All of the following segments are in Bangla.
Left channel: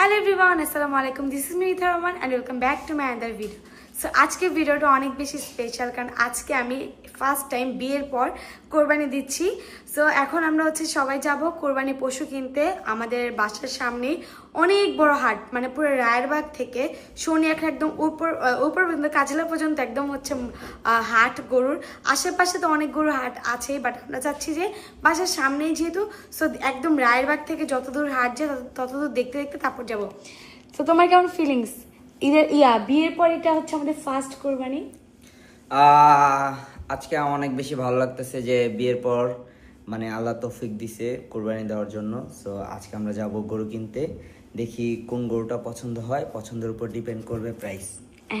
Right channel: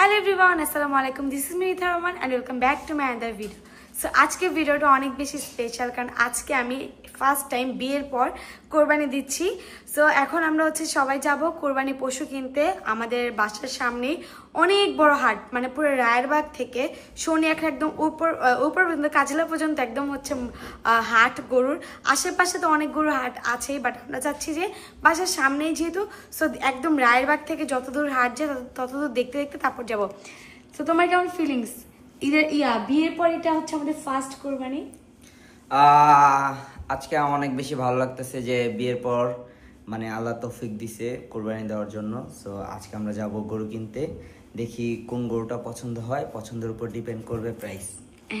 হ্যালো এভরিওয়ান, আসসালামু আলাইকুম। This is me Itha Rahman and welcome back to my other video. So আজকের ভিডিওটা অনেক বেশি স্পেশাল, কারণ আজকে আমি ফার্স্ট টাইম বিয়ের পর কোরবানি দিচ্ছি। সো এখন আমরা সবাই যাব কোরবানি পশু কিনতে। আমাদের বাসার সামনেই অনেক বড় হাট, মানে পুরো রায়েরবাগ থেকে শনিয়াখা একদম উপর পর্যন্ত কাজিলা পর্যন্ত একদম হাট গরুর। আশেপাশে তো অনেক গরুর হাট আছেই, বাট আমরা চাচ্ছি যে বাসার সামনেই যেহেতু, সো একদম রায়েরবাগ থেকে যতদূর হাট যায় ততদূর দেখতে দেখতে তারপর যাব। তো তোমার কেমন ফিলিংস? বিয়ের পর এটা হচ্ছে আমাদের ফার্স্ট কোরবানি। আজকে আমার অনেক বেশি ভালো লাগতেছে যে বিয়ের পর মানে আল্লাহ তৌফিক দিছে কোরবানি দেওয়ার জন্য। সো আজকে আমরা যাব গরু কিনতে, দেখি কোন গরুটা পছন্দ হয়, পছন্দের উপর ডিপেন্ড করবে প্রাইস।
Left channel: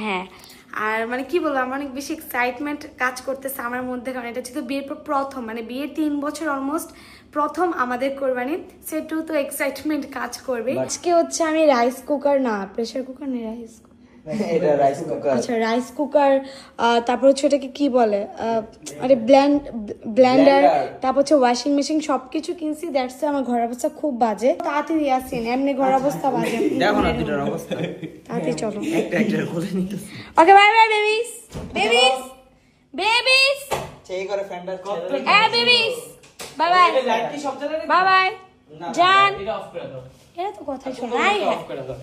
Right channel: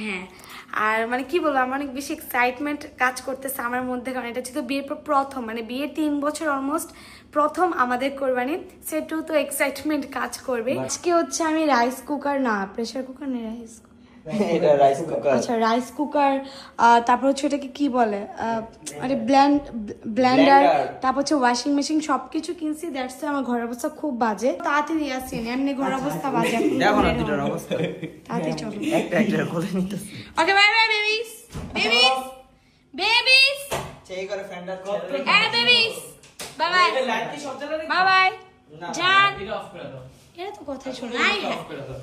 হ্যাঁ, আর মানে কি বলবো, আমার অনেক বেশি এক্সাইটমেন্ট কাজ করতেছে আমার মধ্যে, কারণ এটা ছিল বিয়ের পর প্রথম, মানে বিয়ের 3 বছর অলমোস্ট প্রথম আমাদের কোরবানি। সেটাও তো এক্সাইটমেন্ট কাজ করবে। আজকে আমি রাইস কুকার, না প্রেসার কুকার নেই, রাইস কুকার, তারপর এটাকে কি বলে, আরে ব্লেন্ডার, তারপর ওয়াশিং মেশিন সবকিছু কিনছি। দ্যাটস আমার ঘরের অবস্থা খুব বাজে। তাড়াতাড়ি আসেন, এমনি ঘরের অবস্থা বাজে। দেখো না দুটোর অবস্থা, তাড়াতাড়ি চলো। একটা কোলে নিতেছি। Okay, bye bye babies, babies, babies, সেই করে ফ্যান্ডার babies, bye bye, bye bye জান। এরা তো কথাই শোনে না,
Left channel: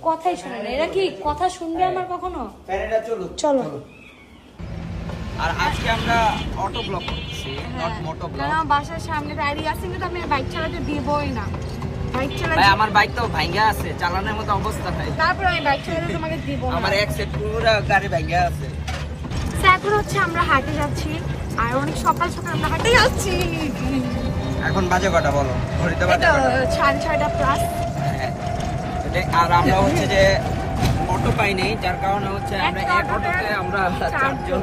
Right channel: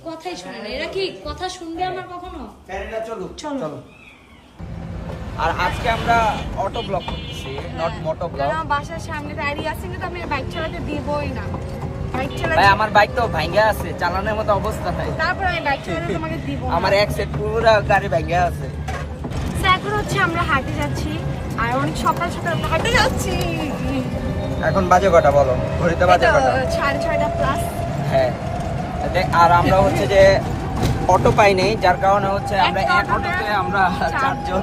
কথাই শোনে না। এরা কি কথা শুনবে আমার কখনো? চলো। আর আজকে আমরা অটো ব্লক করতেছি, নট মোটো ব্লক। আমার বাসার সামনে দাঁড়িয়ে আছি, কিন্তু আমি বাইক চালাতে দিবই না। বাইক চালাতে ভাই আমার বাইক তো ভাঙা আছে, চালানোর মতো অবস্থা নাই। তারপর আমি বাইক চালাতে তোমাকে দিব না। আমার এক সেট পুরো গাড়ি ভাঙা আছে। এখন আমরা হাঁটে যাচ্ছি, আর অনেক সকাল সকাল আমরা হাঁটে যাচ্ছি। এখন বাজে কটা বলো? ঘড়িতে বাজে কটা? 6:30 প্লাস। হ্যাঁ, আর আমরা যে অটো পাইনি, যার কারণে আমরা এক অটোতে আমরা 4 জন।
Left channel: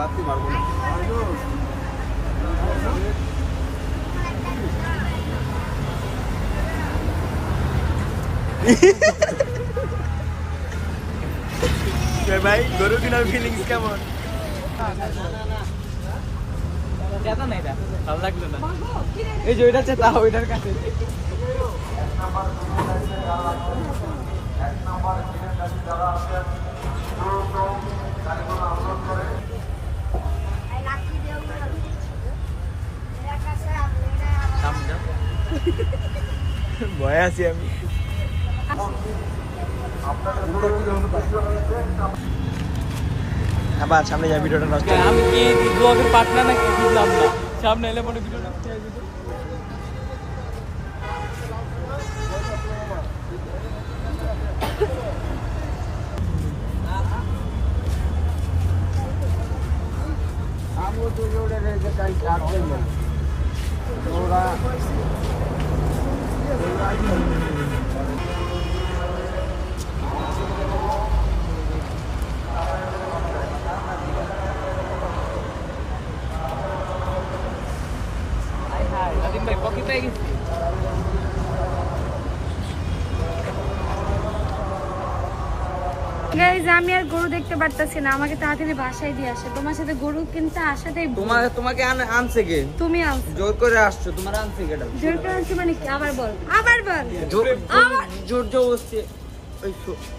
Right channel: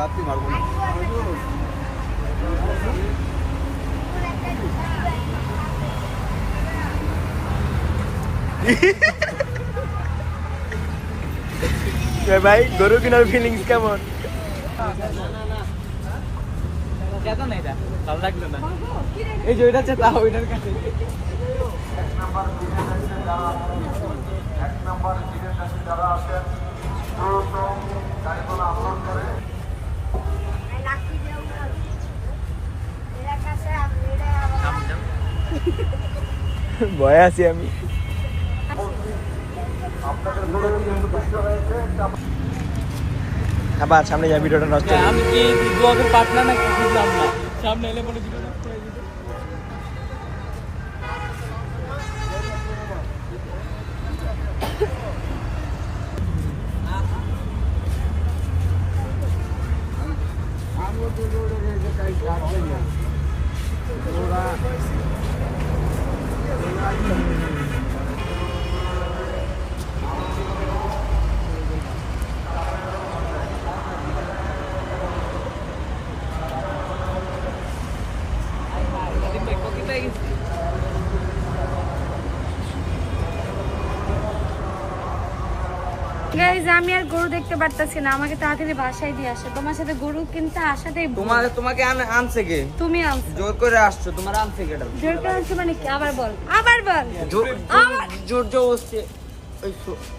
লাত্তি মারবো না। ভাই গরু কেনার ফিলিংস কেমন? ভালো লাগলো না, এই যে ওইটা চেতা ওইটার কাছে। ভয় আছি আমি। আবার সামনে যা ভিডিওটা নষ্ট। আমি কি ব্লগের পার্টনার নাকি বুঝলাম না। সামনে এলে মনে ভিডিও নষ্ট হয়ে যাবে। গাইজ, আমি আর গরু দেখতে পারতাছি না, আমাকে তাড়াতাড়ি বাসায় দিয়ে আসে। তোমার সাথে গরু কিনতে আসাতেই তোমাকে আনছে কে? তুমি আনছো, জোর করে আসছো, তোমার আনছে কে? জোর করে আনছো মানে কি? আবার বল। জোর জবরদস্তি।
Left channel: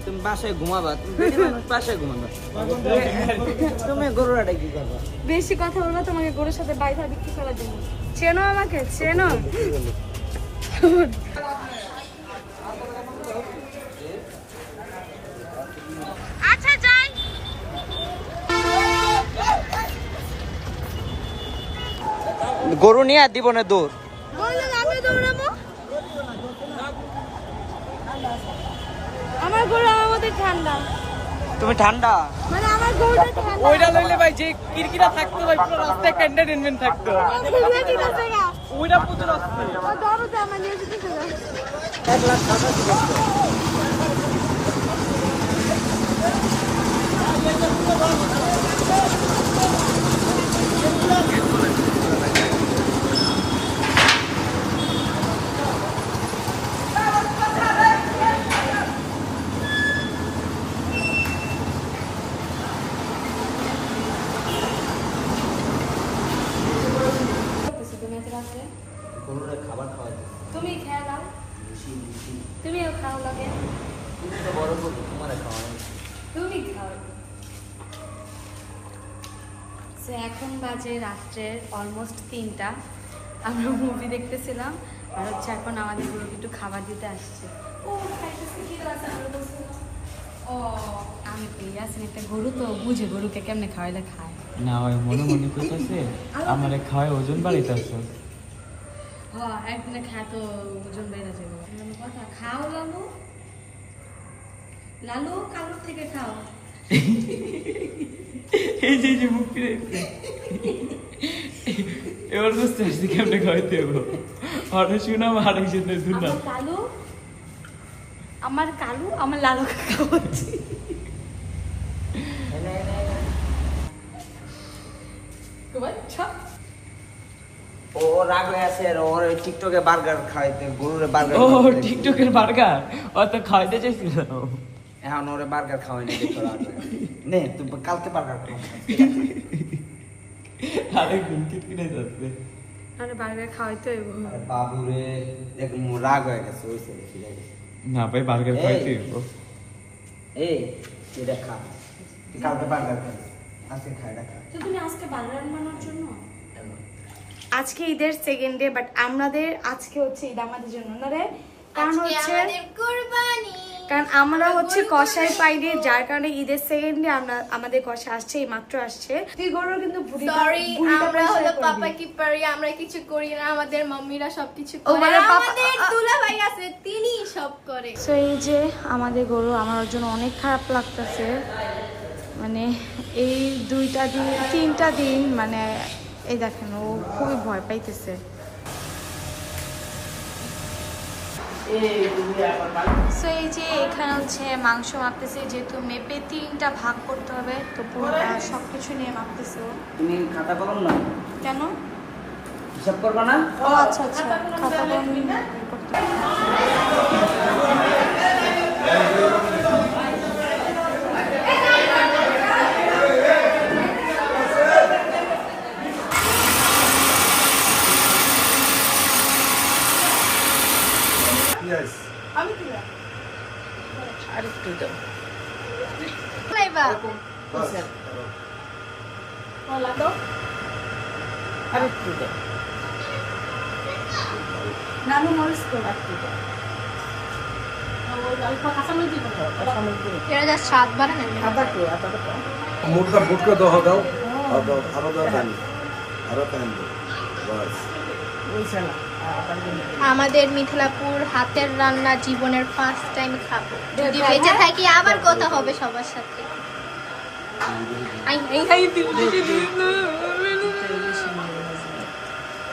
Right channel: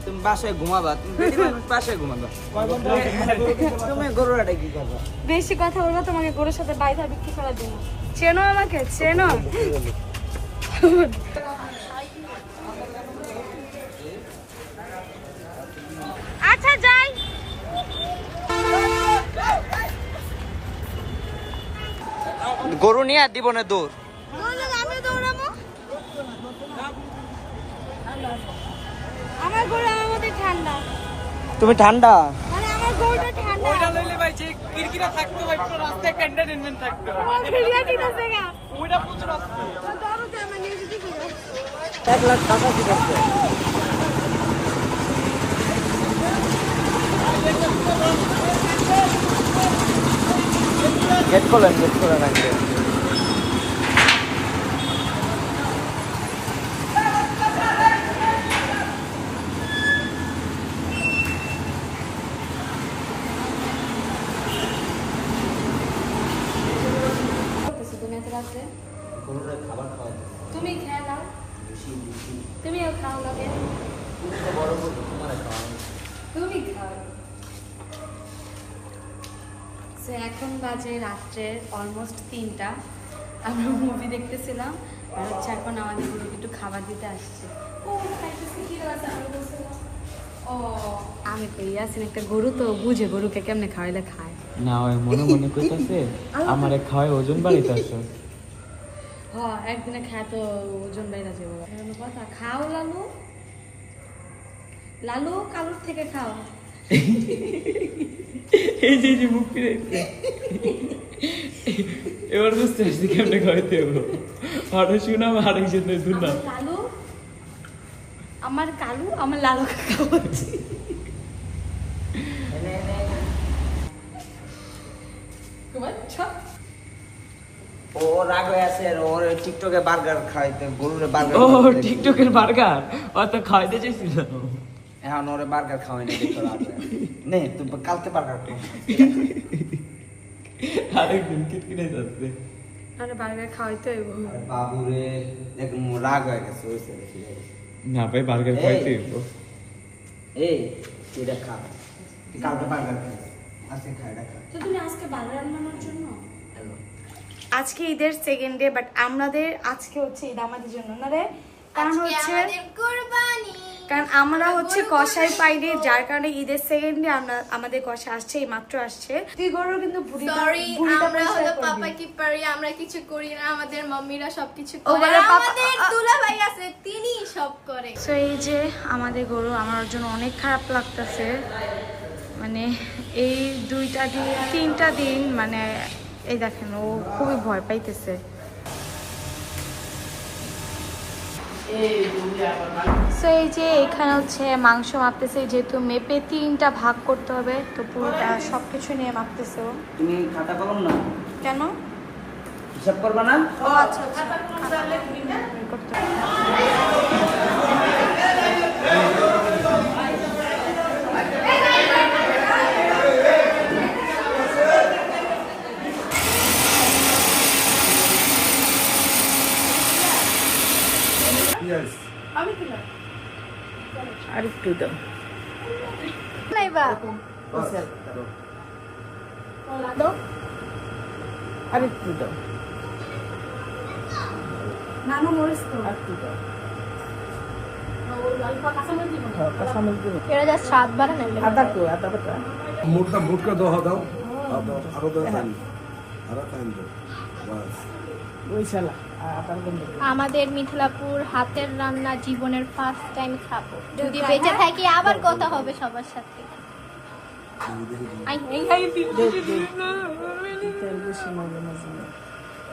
তুমি বাসায় ঘুমাবা, বাসায় ঘুমাবা, তুমি গরুটা কি করবা? বেশি কথা বলবো তোমাকে গরুর সাথে বাইধা বিক্রি করার জন্য। চেনো আমাকে, চেনো? আচ্ছা যাই। গরু নিয়ে দিব না দৌড়। আমার গরু আমার মধ্যে ঠান্ডা। তুমি ঠান্ডা? মানে আমার গরুটা ঠান্ডা। ওইটা লইলে ভাই যে কিরকিরা থাকতো ভাই, পুরো রাস্তায় একটা এন্টারটেইনমেন্ট থাকতো। ওইটা পুরো রাস্তায় দরজা মানে কি করে? 1,85,000 গেট খোলেন রাখবে। গরুরে খাবার খাওয়াই তুমি খেলাও, তুমিও খাও লাগে, বড় গরু তোমার খাওয়াই তুমি খাও। সো এখন বাজে রাত্রের অলমোস্ট 3টা। আমরা মুভি দেখতেছিলাম আর হচ্ছে এখন আমাদের গরুকে একটু খাবার দিতে আসছে। ও খাইতেছে, কি আছে আমরা বলছিলাম। ও আমি তো ইয়াসিন একটা গরু তো বুঝে গরুকে কেমনে খাওয়াইলে খায় না ওই মনে মনে কইতাছে আমারে খাওয়ায় ওজন বাড়াইতাছে। হ্যাঁ একদিনে খায় তো ওজন বেড়ে যাবে। কথা খাও লালু, লালু কালুর থেকে খাও। এই যে মুখ ফিরাইছে এবার বুঝতে পারছি কেমনে খাওয়াইতে হবে। অটো শুনাম আরেকজনের শুনলাম। কালু আমার কালু আমার লালুকে খাওয়াচ্ছি। ও রাগ হয়ে আছে আর ওর টিকটকে বার্গার খাইতে গরুরে বার্গার ও টিকটকের বার্গার ও তো খাওয়াইতে চাইছিল। এখন ওরে বার্গার খাওয়াই না দেখো রাগ হয়ে আছে। নে তুই কালকে বার্গার খাও আরেকদিন কিটকিটে যাচ্ছে। আরে বার্গার খাওয়াইতে হইব। বাবুরে দেখ রাগ হয়ে গেছে ওইসে দেখি না ভাই বার্গার খাইতে হইব। এই এটা খা তুই কালকে বার্গার খাই আজকে খাই না খা তো তুমি আজকে বার্গার বানানোর জন্য আজকে ঈদের 2nd ডে, বাট আমাদের আজকে হচ্ছে ঈদ আমাদের জন্য না রে, কারণ হচ্ছে কারণ আমরা হচ্ছে কষাই পাইনি, যার কারণে ঈদের 2nd ডে আমরা আমাদের কষা আসছে, এই মাত্র আসছে। তুই গরুর কিন্তু সরি আমরা হলো পাপা কি পারি, আমরা কিছু করি না, আমাদের মাম্মিরা সবকিছু ও করে, বলে পাপা- আমাদের দুলা ভাই আছে তিনি সব করে। সো এই যে আমাদের গরু, আমার জন্য অনেক খারাপ লাগতেছে, মানে এই 2টা দিন 3টা দিন মানে এই দেখেন ও খুবই ভয় পাইতেছে। সো এই যে এখানে হচ্ছে মাংস মাপতেছে, যেহেতু মেপে 3টা ভাগ করতে হবে, তো পুরোটা সবকিছু নিয়ে মাপতেছে ও। তুমি খাতা কলম না কেন? হিসাব করবা না? ও আচ্ছা আচ্ছা, খাতা কলম নিয়ে করতে হবে। আরেকটু দাও। লাইবা আরেকটু দাও। নানু মরিচ খাও, আরেকটু দাও। এরা যা স্বাদ বাড়ে না মোটকা মোটকা দাও দাও আরো দাও টাইম আরো টাইম বাস আমাদের মিথিলাপুর হাতের রান্না জীবনের ফার্স্ট টাইম খাবো, যদি বেঁচে থাকি আবার কথা হবে সবার সাথে।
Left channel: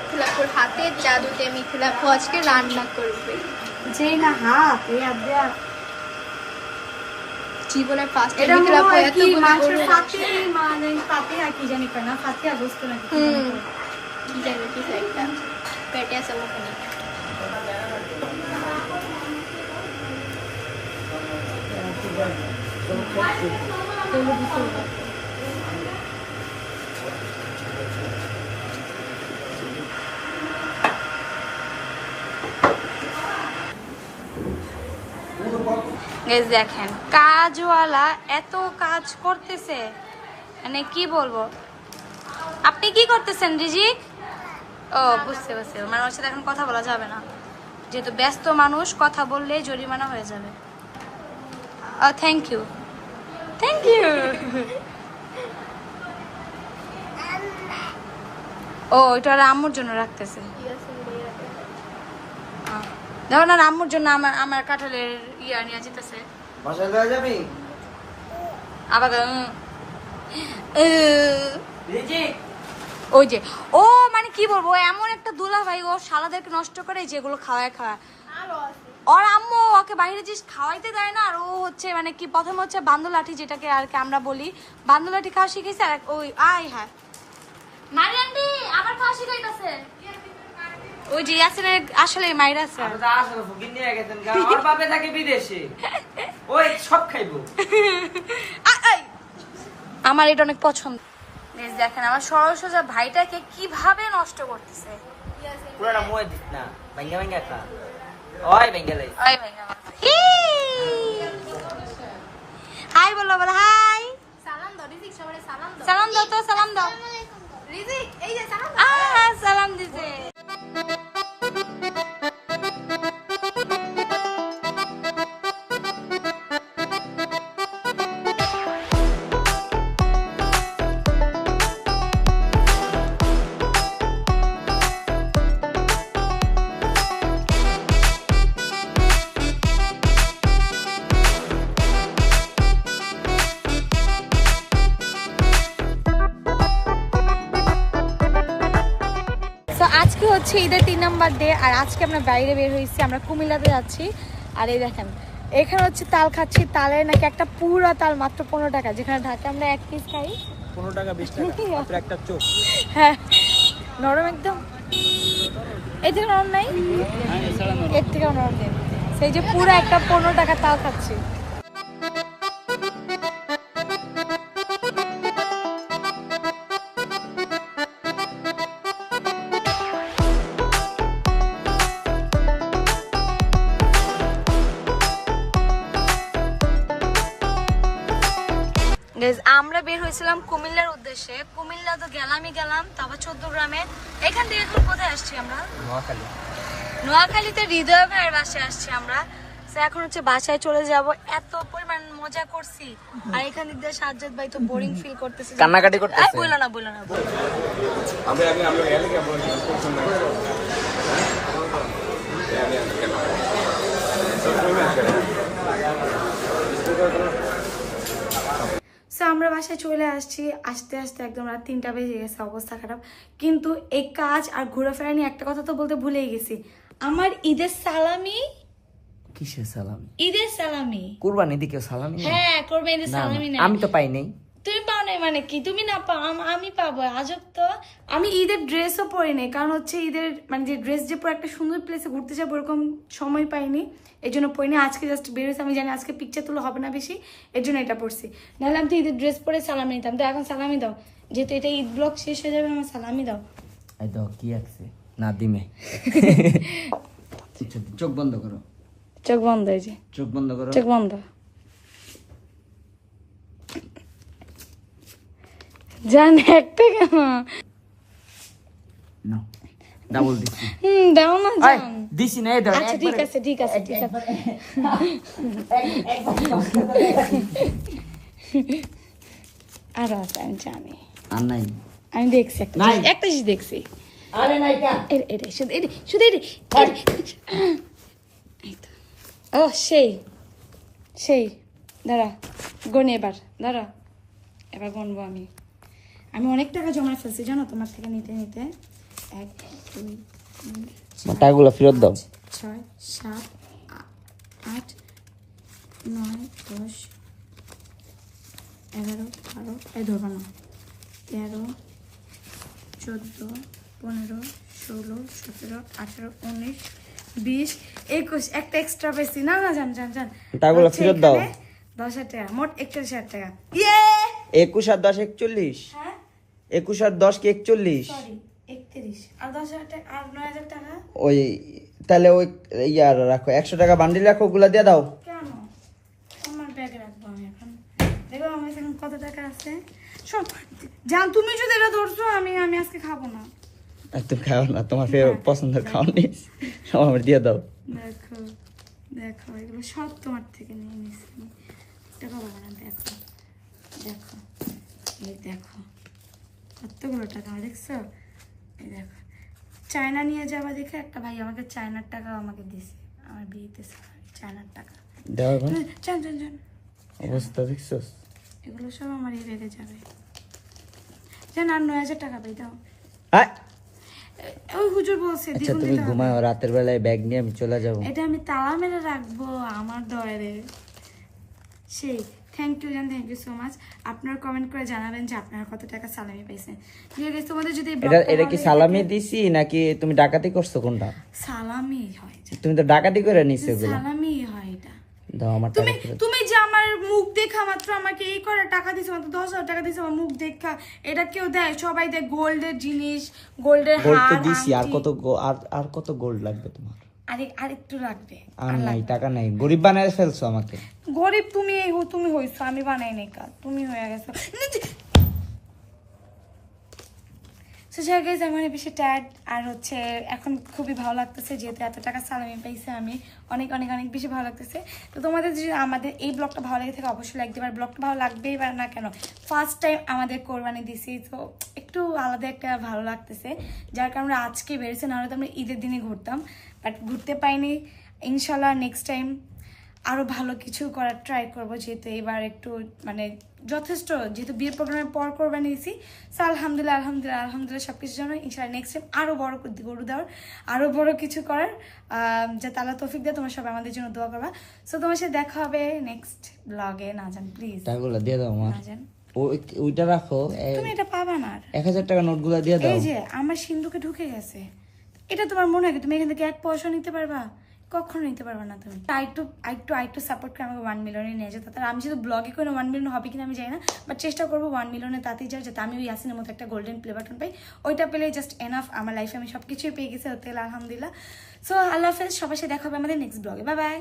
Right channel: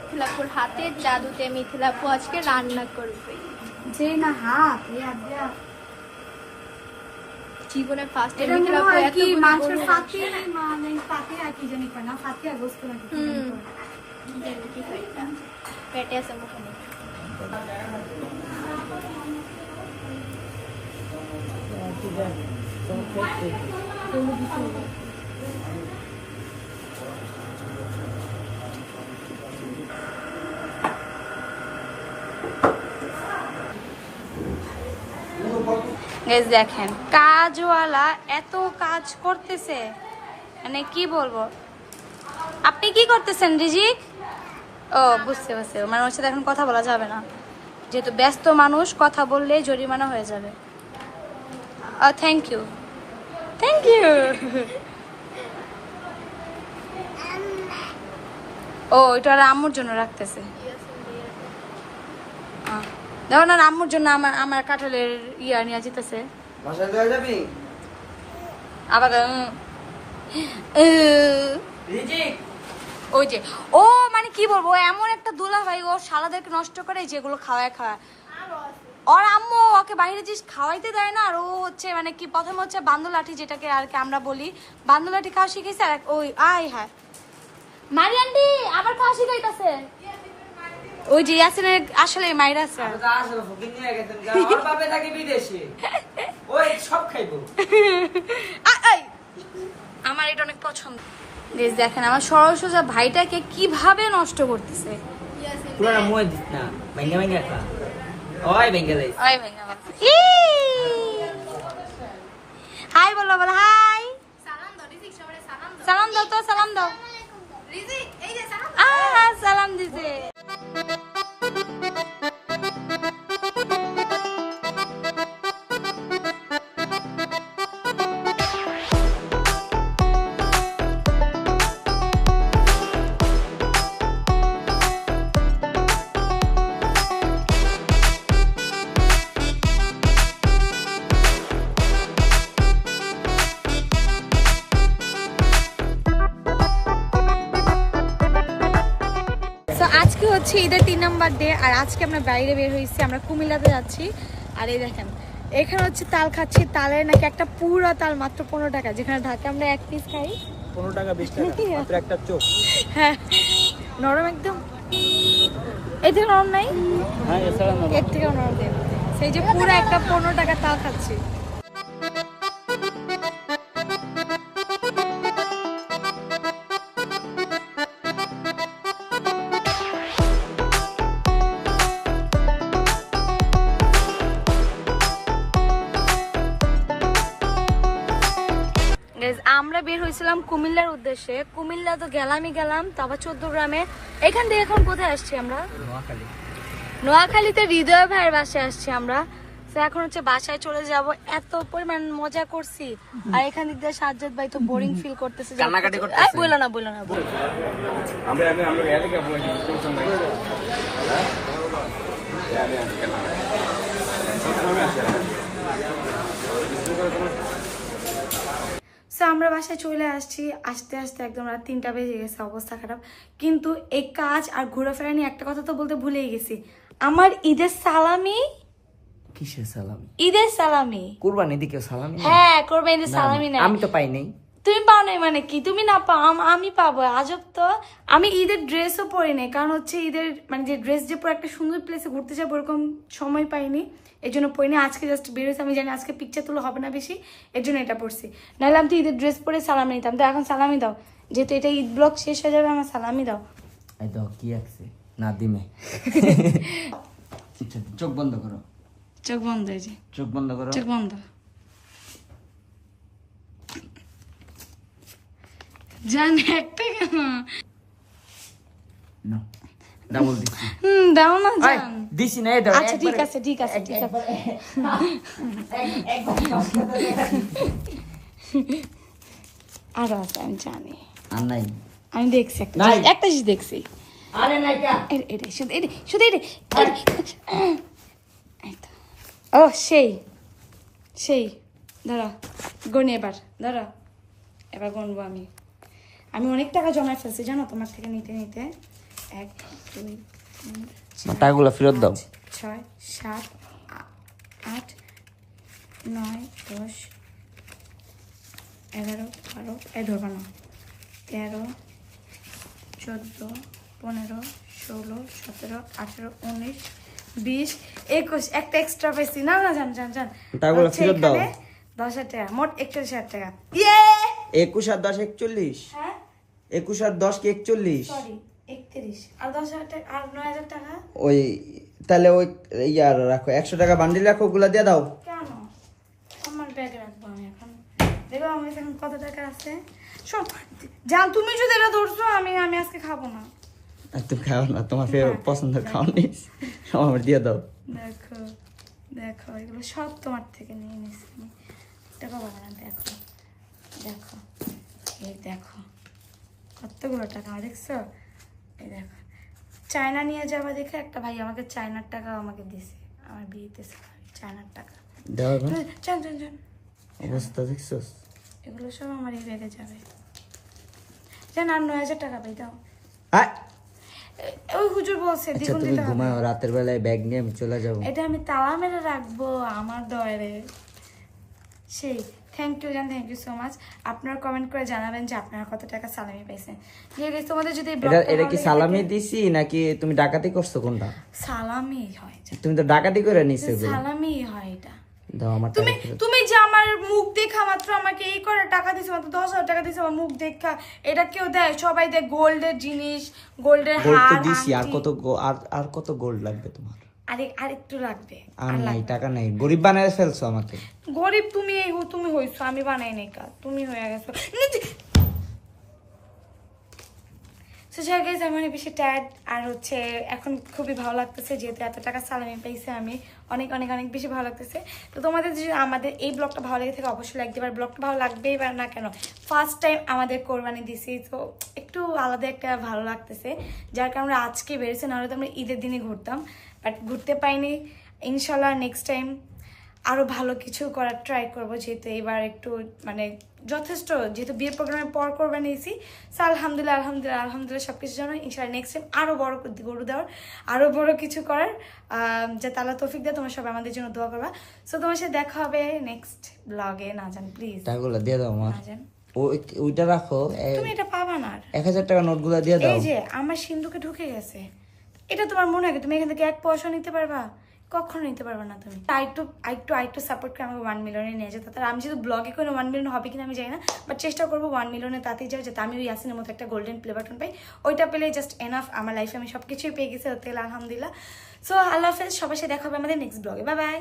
মিথিলাপুর হাতের জাদুতে মিথিলাপু আজকে রান্না করবে, যেই না হাত এই হাত দেয়া জীবনের ফার্স্ট টাইম এটা মিথিলাপু কি এতগুলো মাংসের গরু ফাতিহা, মানে ফাতিহা কি জানি কয় না, ফাতিহা বুঝতে না কি হুম কি জানি কিছু একটা পেটে আছে মুখে নেই। গাইস দেখেন কাজওয়ালা এত কাজ করতেছে, মানে কি বলবো। আপনি কি করতেছেন রিজিক? ও বুঝতে পারছি, মানে ওর সাথে এখন কথা বলা যাবে না, যেহেতু ব্যস্ত মানুষ, কথা বললে জরিমানা হয়ে যাবে। Thank you thank you. ও এটা আর আম্মুর জন্য রাখতেছে। দেখো না আম্মুর জন্য আমার আমার কাঁঠালের ইয়া নিয়ে যেতেছে বাসায় দেওয়া যাবি আবার। ওই যে ও মানে কি বলবো, ও এমন একটা দুলা ভাই, ও শালাদেরকে নষ্ট করে যেগুলো খাওয়ায় খাওয়া। ওর আম্মু ওকে বাইরে জিনিস খাওয়াইতে দেয় না, আর ও হচ্ছে মানে কি প্রথমে হচ্ছে বান্দুলাঠি, যেটাকে আর কি আমরা বলি বান্দুলাঠি খাওয়া শিখেছে, আর ওই আয় হ্যাঁ মারিয়ান্ডি আবার খাওয়া শিখাইতেছে। ওই যে ইয়াসিনের আসলে মাইরা আছে। আসলে ফকির নিয়ে গেছেন ওর বাপে থাকে বিদেশে ওই সব খাইবো। আমার এটা অনেক পছন্দ। বেশ দেখেন আমার সরল সোজা ভাইটাকে কিভাবে নষ্ট করতেছে, পুরো না মুয়ে দিস না ভেঙে ভেঙে খা ওই ভেঙে যাইস হাই বলো বলো হাই সালাম দাও তো সালাম দাও সালাম দিছে তো আজকে হচ্ছে ঈদের 3 নম্বর ডে আর আজকে আমরা বাইরে বের হয়েছি আমরা কুমিল্লাতে যাচ্ছি আর এই দেখেন এখানে হচ্ছে তাল খাচ্ছি তালের নাকি একটা পুরো তাল মাত্র 15 টাকা যেখানে ঢাকা আমরা এক পিস খাই 15 টাকা 20 টাকা মাত্র একটা চোখ হ্যাঁ নরম একদম এই থেকে নরম নাই এর থেকেও নরম দেন সেই যে পুরো একটা 15 টাকা তাল খাচ্ছি আমরা বের হয়েছিলাম কুমিল্লার উদ্দেশ্যে কুমিল্লা তো গেলাম তারপর 14 গ্রামে এখান থেকে এখন কোথায় আসছি আমরা নোয়াখালীতে হৃদয় ভাইয়ের বাসায় আসছি আমরা তো এখন হচ্ছে বাসায় চলে যাব এত পরিমাণ মজা করছি আর এখান দিয়ে সাজ্জাদ ভাই তো বোরিং ফিল করতেছে কান্নাকাটি করতেছে এই বলো না আমরা রিয়ালি কে বলি সো আমরা বাসায় চলে আসছি আস্তে আস্তে একদম রাত 3টা বেজে গেছে অবস্থা খারাপ কিন্তু এই কাজ আর ঘোরাফেরা নিয়ে একটা কথা তো বলতে ভুলেই গেছি আমার ঈদের সালামি কিসের সালামি ঈদের সালামি কুরবানি দিকে সালামি হ্যাঁ করবে ঈদের সালামি না আমি তো পাই নাই তুমি পাও নাই মানে কি তুমি না পাও আমি পাবো আজব তো আমি ঈদের ড্রেসও পরি নাই কারণ হচ্ছে ঈদের মানে যে ড্রেস যে পরে একটা সুন্দর প্লেসে ঘুরতে যাবো ওরকম সময় পাইনি এই জন্য পরিনি আজকে জাস্ট বেরোছি আমি জানি আজকে পিকচার তুলো হবে না বেশি এর জন্য এটা পড়ছি নাহলে আমি তো ঈদের ড্রেস পরে সালামি নিতাম তো এখন সালামি দাও যেহেতু এটা ঈদ ব্লগ শেষ হয়ে যাবে আমার সালামি দাও এই দাও কি আছে না দিমে চোখ বন্ধ করো চোখ বন্ধ হয়েছে চোখ বন্ধ করো চোখ বন্ধ জান একটা কেন না ডাবল দিছি দাও না জান দিছি না এই দাও আচ্ছা ঠিক আছে আরো আছে আমি জানি আর নাই আমি দেখছি একটা জিনিস দেখছি আরে নাই কা এটা শুধু ও সেই দাঁড়া গনে এবার গনবো আমি অনেক টাকা জমা ফেলছি জানো তোমার থেকে নিতে 1 2 3 টাকাগুলো ফেরত দাও 6 7 8 9 10 11 12 এই ধরবা না 13 14 15 16 17 18 19 20 21 একটা এক্সট্রা পেয়েছি না জান টাকাগুলো ফেরত দাও 10,000 টাকা মোট 41,000 টাকা 21 আর 10 41 হ্যাঁ 21 আর 10 কি 41 সরি 31 আর 10,000 টাকা আর 9,000 টাকা ওই তাহলে ওই ইয়ার রাখো 100 টাকা বান্ডিল রাখো ওগুলা দিয়ে দাও কেন আমার ব্যাগে রাখবো আমি এখন দেখো আমার কাছে এখন কত টাকা আছে শোন জান তুমি যদি এটা ধরছো আমি আজকে খাবো না তুমি খাও না তোমার পছন্দের খাও নিস আমার দিয়ে দাও দেখো এগুলো সব তোমার থেকে নিয়ে নিছি আমি টাকা পাবো না দেখো এই দেখো কতগুলো টাকা দেখছো এই দেখো চায়না নিয়ে যাবা দেখে একটা ভাই আমাকে চায়নার টাকা আমাকে দিছে আমার বিয়েতে চায়নার টাকা দাও চান অবস্থা দেখছস এগুলো সব আমার এই ব্যাগে যাবে জান আর 9,000 টাকা পাই দাও ওই হুজুর বলছে আচ্ছা দ্বিগুণ তুমি দিতে হবে ঘুমাও রাতের বেলায় ব্যাগ নিয়ে আমি চলে যাব এটা আমি তালা মেরে রাখবো আমার দয়ারে সেই থ্যাংক ইউ সো মাচ আপনারা কমেন্ট করে জানাবেন যে আপনারা কত টাকা সালামি পাইছেন তোমাদের যদি এটা কি সালামি দিছি নাকি তুমি ডাকাতি করছো কোনটা সালামি হয় তুমি তো ডাকাতি করে নিছো এগুলো সালামি হয় এটা দাও আমার টাকা ফেরত তুমি যে আমার আমার মুখ দেখা মাত্র আমাকে এই করে টাকা দিছে, মাত্র 10,000 টাকা দিছে আমার মুখ দেখা। এটা কেউ দেয়? সবাই দেয় গোল্ডের জিনিস, গোল্ডের গোল্ড তো হার, দিছি, আর আংটি। কত আর কত গোল্ড লাগবে তোমার? আর একটু লাগবে। আর নাই, টাকা নাই, গরিব বানায় ফেলছো আমাকে। গরিব তুমি হইছো, আমি বানাই নাই কাজ, তুমি হয়ে গেছো। সো যাই গাইজ, আমি অনেক বেশি টায়ার্ড আর হচ্ছে এখন খুবই ভালো লাগতেছে, যেহেতু এত টাকা সালামি পাইছে আমি, অনেক অনেক অনেক বেশি ভালো লাগতেছে। তো তোমাদের যদি আমাদের এই ব্লগটা ভালো লেগে থাকে অবশ্যই লাইক দিবে, আর ব্লগটা ভালো লাগবেই বা না কেন, ফার্স্ট টাইম আমাদের কোরবানি দিছি, তো একটু আলাদা একটা ভালো লাগতেছে, যার কারণে আজকে বেরিয়েছে, নাহলে তো আমরা ঈদের দিনে ঘুরতাম, বাট ঘুরতে পাইনি। ইনশাল্লাহ নেক্সট টাইম আরও ভালো কিছু করার ট্রাই করবো, যেহেতু এবার একটু মানে যথেষ্ট, যেহেতু বিয়ের প্রোগ্রামের পর করবা নিয়েছি। সো আলহামদুলিল্লাহ সব কিছুর জন্য ইনশাল্লাহ নেক্সট টাইম আরও বড় গরু দেওয়ার, আরও বড় কিছু করার, যাতে আল্লাহ তৌফিক দেয়। তোমরা সবাই আমাদের জন্য দোয়া করবা। সো তোমার সাথে দেখা হবে নেক্সট ব্লগে। না জান প্লিজ, টাকাগুলো দিয়ে দাও আমার। না জান ওইটা রাখো, তুমি এটা পাবা না। 1000 টাকা নোটগুলো দিয়ে দাও। এই যে আমার সিন্ধুকে ঢুকে গেছে, এটা তোমার মনে হয় তুমি এখান থেকে 1 পয়সা নিতে পারবা? কখনো নিতে পারবে না তুমি। আরেকটু সাপোর্ট করে আমাকে 1 মিলিয়নে নিয়ে যেতে। তার আমি যেহেতু ব্লগে করে 1 মিলিয়ন হবে কিনা আমি জানি না, বাট চেষ্টা করবো 1 মিলিয়নে তাতেই যাও, যাতে আমি ওই ইয়াসিনের মতো একটা গোল্ডেন প্লে বাটন পাই। ওইটা পেলে জাস্ট এনাফ আমার লাইফে, আমি সব কিছুই পেয়ে গেছি, হতে আলহামদুলিল্লাহ। সো আল্লাহ হাফেজ, সবার সাথে দেখা হবে আমাদের নেক্সট ব্লগে। Bye bye.